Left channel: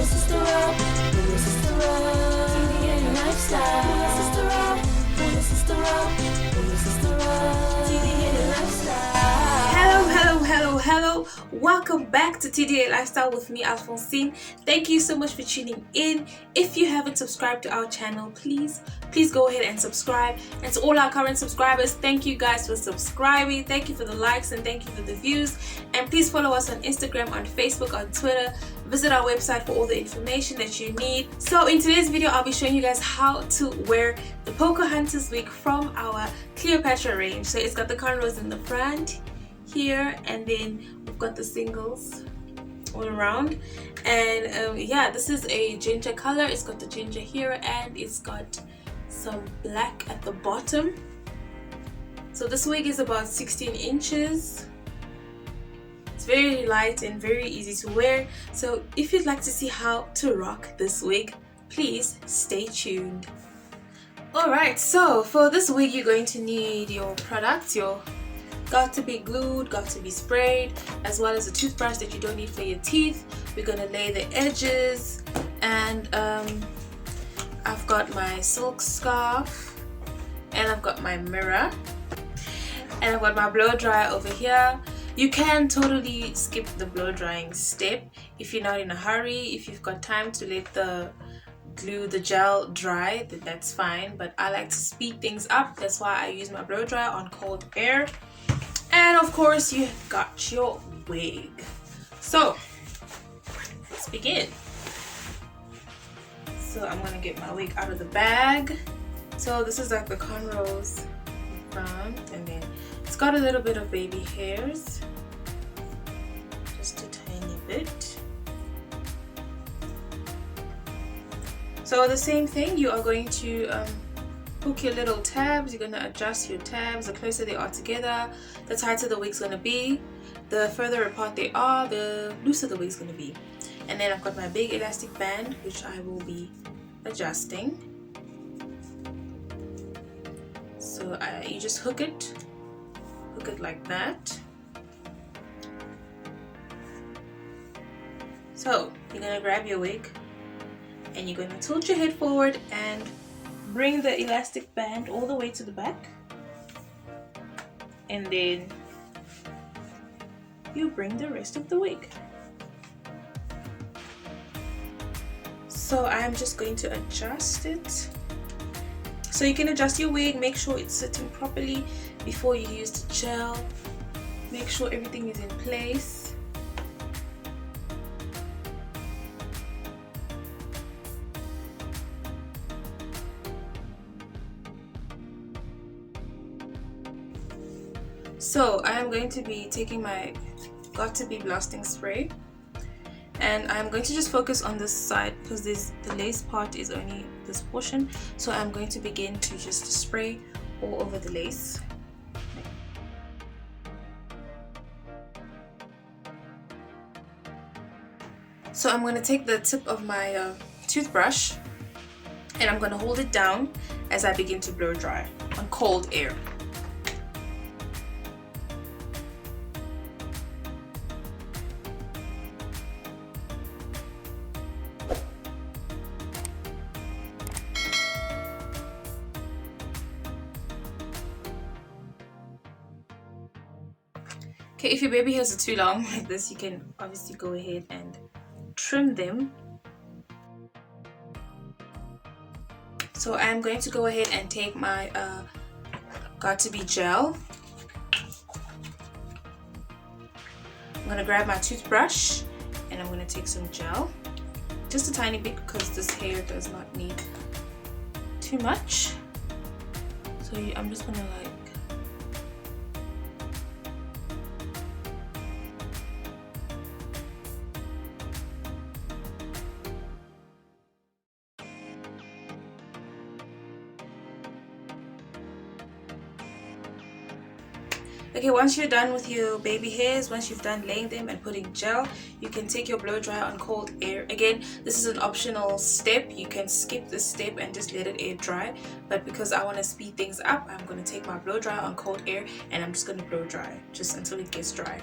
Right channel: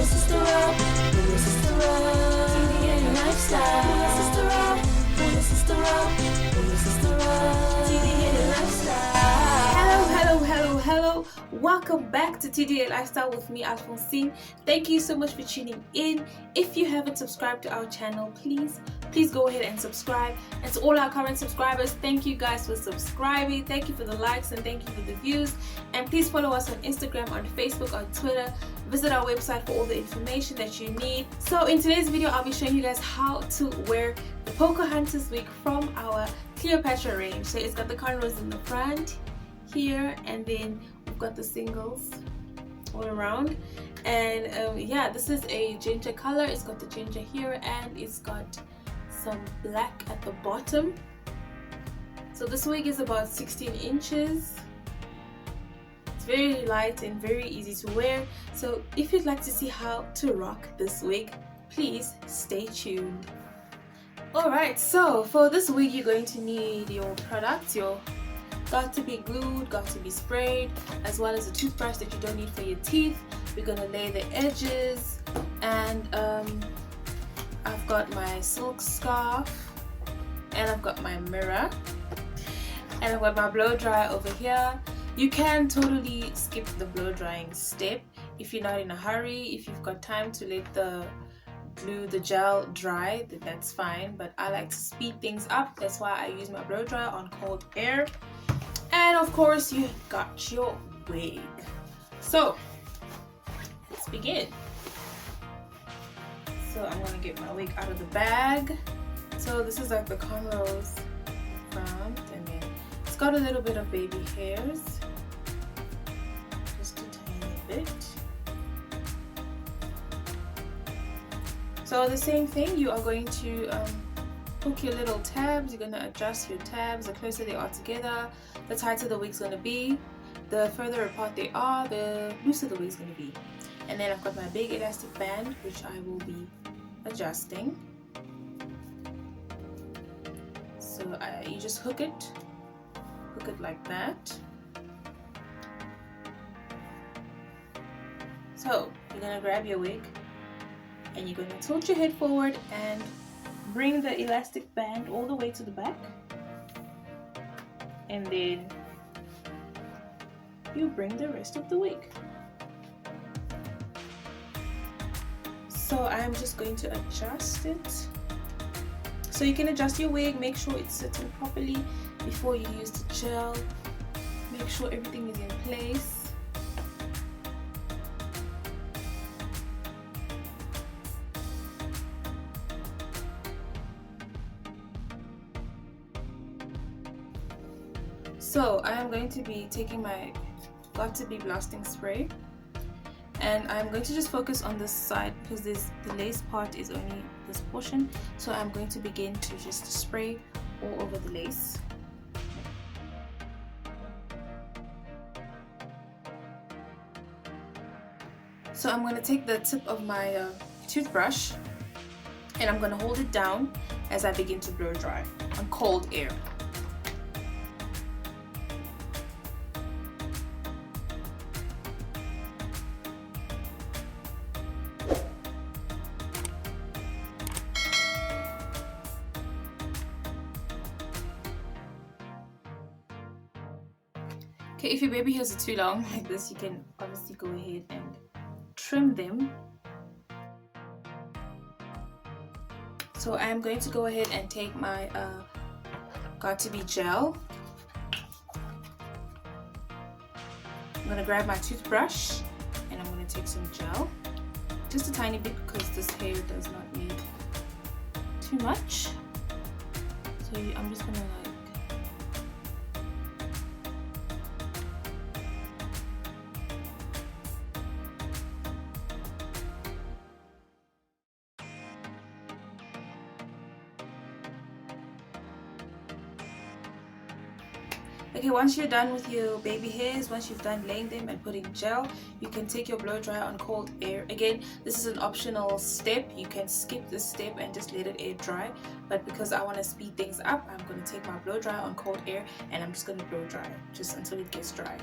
your sister up, pull your sister up. TDA Lifestyle. Pull your sister up, pull your sister up, pull your sister up. TDA Lifestyle. Hello. Welcome back to TDA Lifestyle with me, Alphonsine. Thank you so much for tuning in. If you haven't subscribed to our channel, please go ahead and subscribe. And to all our current subscribers, thank you guys for subscribing. Thank you for the likes and thank you for the views. And please follow us on Instagram, on Facebook, on Twitter. Visit our website for all the information that you need. So in today's video, I'll be showing you guys how to wear the Pocahontas wig from our CLEOPATRA range. So it's got the cornrows in the front here, and then we've got the singles all around. And yeah, this is a ginger color. It's got the ginger here and it's got some black at the bottom. So this wig is about 16 inches. It's very light and very easy to wear. So if you'd like to see how to rock this wig, please stay tuned. Alright, so for this wig you're going to need your products, your Got2be Glued, Got2be Sprayed, as well as a toothbrush that you don't need for your teeth. We're going to lay the edges, and I've got my silk scarf, and I've got my mirror, and I've got my blow dryer over here. You can totally skip the blow drying step if you're not in a hurry. If you've got time to let the gel dry, then that's fine, but I like to speed things up. That's why I use my blow dryer on cold air. And of course you got your wig. So let's begin. So I'm gonna get my wig out of the bag. So this is like the cornrows front, and then it's got a little bit of baby hairs, just a tiny bit. So the same thing, you are going to hook your little tabs. You're going to adjust your tabs. The closer they are together, the tighter the wig's going to be. The further apart they are, the looser the wig's going to be. And then I've got my big elastic band, which I will be adjusting. So you just hook it like that. So you're going to grab your wig and you're going to tilt your head forward and bring the elastic band all the way to the back, and then you bring the rest of the wig. So I am just going to adjust it. So you can adjust your wig, make sure it's sitting properly before you use the gel. Make sure everything is in place. So I am going to be taking my Got2be blasting spray, and I'm going to just focus on this side because the lace part is only this portion. So I'm going to begin to just spray all over the lace. So I'm going to take the tip of my toothbrush and I'm going to hold it down as I begin to blow dry on cold air. Okay, if your baby hairs are too long like this, you can obviously go ahead and trim them. So I'm going to go ahead and take my Got2be gel. I'm going to grab my toothbrush and I'm going to take some gel. Just a tiny bit because this hair does not need too much. So I'm just going to Okay, once you're done with your baby hairs, once you've done laying them and putting gel, you can take your blow dryer on cold air. Again, this is an optional step. You can skip this step and just let it air dry. But because I want to speed things up, I'm going to take my blow dryer on cold air and I'm just going to blow dry just until it gets dry.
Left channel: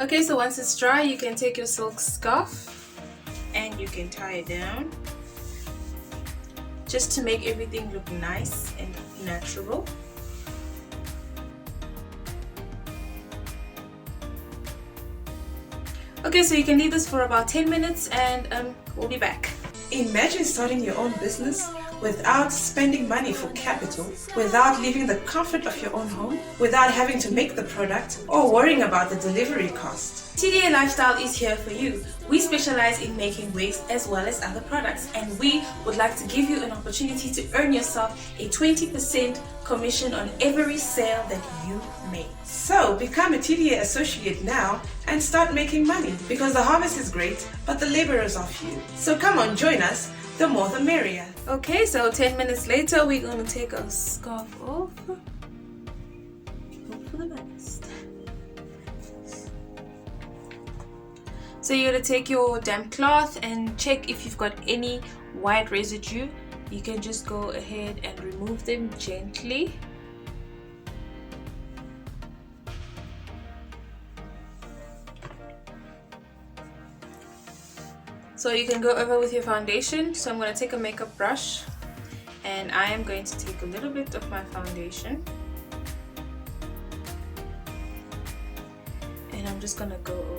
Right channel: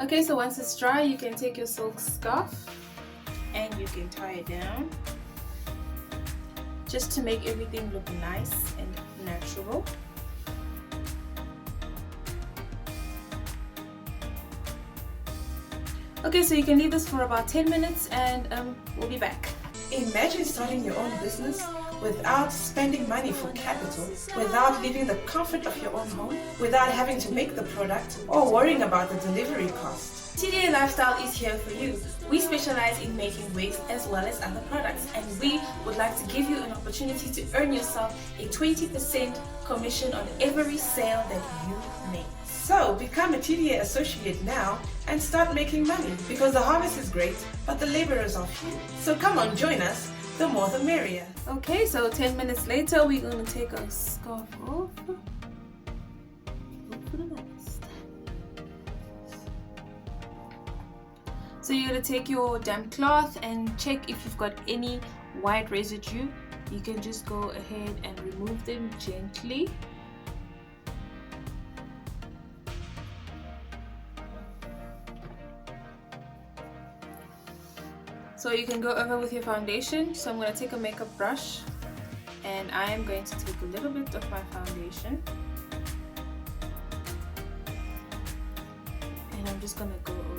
Okay, so once it's dry, you can take your silk scarf and you can tie it down just to make everything look nice and natural. Okay, so you can leave this for about 10 minutes and we'll be back. Imagine starting your own business without spending money for capital, without leaving the comfort of your own home, without having to make the product or worrying about the delivery cost. TDA Lifestyle is here for you. We specialize in making wigs as well as other products, and we would like to give you an opportunity to earn yourself a 20% commission on every sale that you make. So become a TDA associate now and start making money, because the harvest is great, but the labor is off you. So come on, join us. The more the merrier. Okay, so 10 minutes later, we're going to take our scarf off. Hope for the best. So you're going to take your damp cloth and check if you've got any white residue. You can just go ahead and remove them gently. So you can go over with your foundation. So I'm going to take a makeup brush and I am going to take a little bit of my foundation and I'm just going to go over.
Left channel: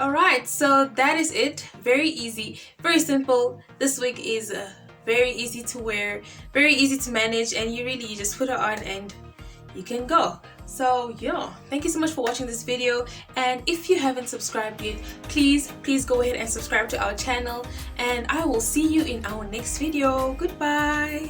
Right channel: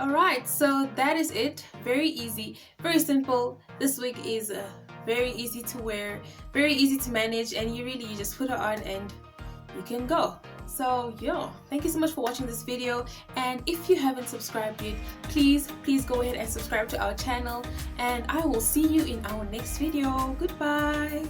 Alright, so that is it. Very easy, very simple. This wig is very easy to wear, very easy to manage, and you just put it on and you can go. So yeah, thank you so much for watching this video, and if you haven't subscribed yet, please go ahead and subscribe to our channel, and I will see you in our next video. Goodbye.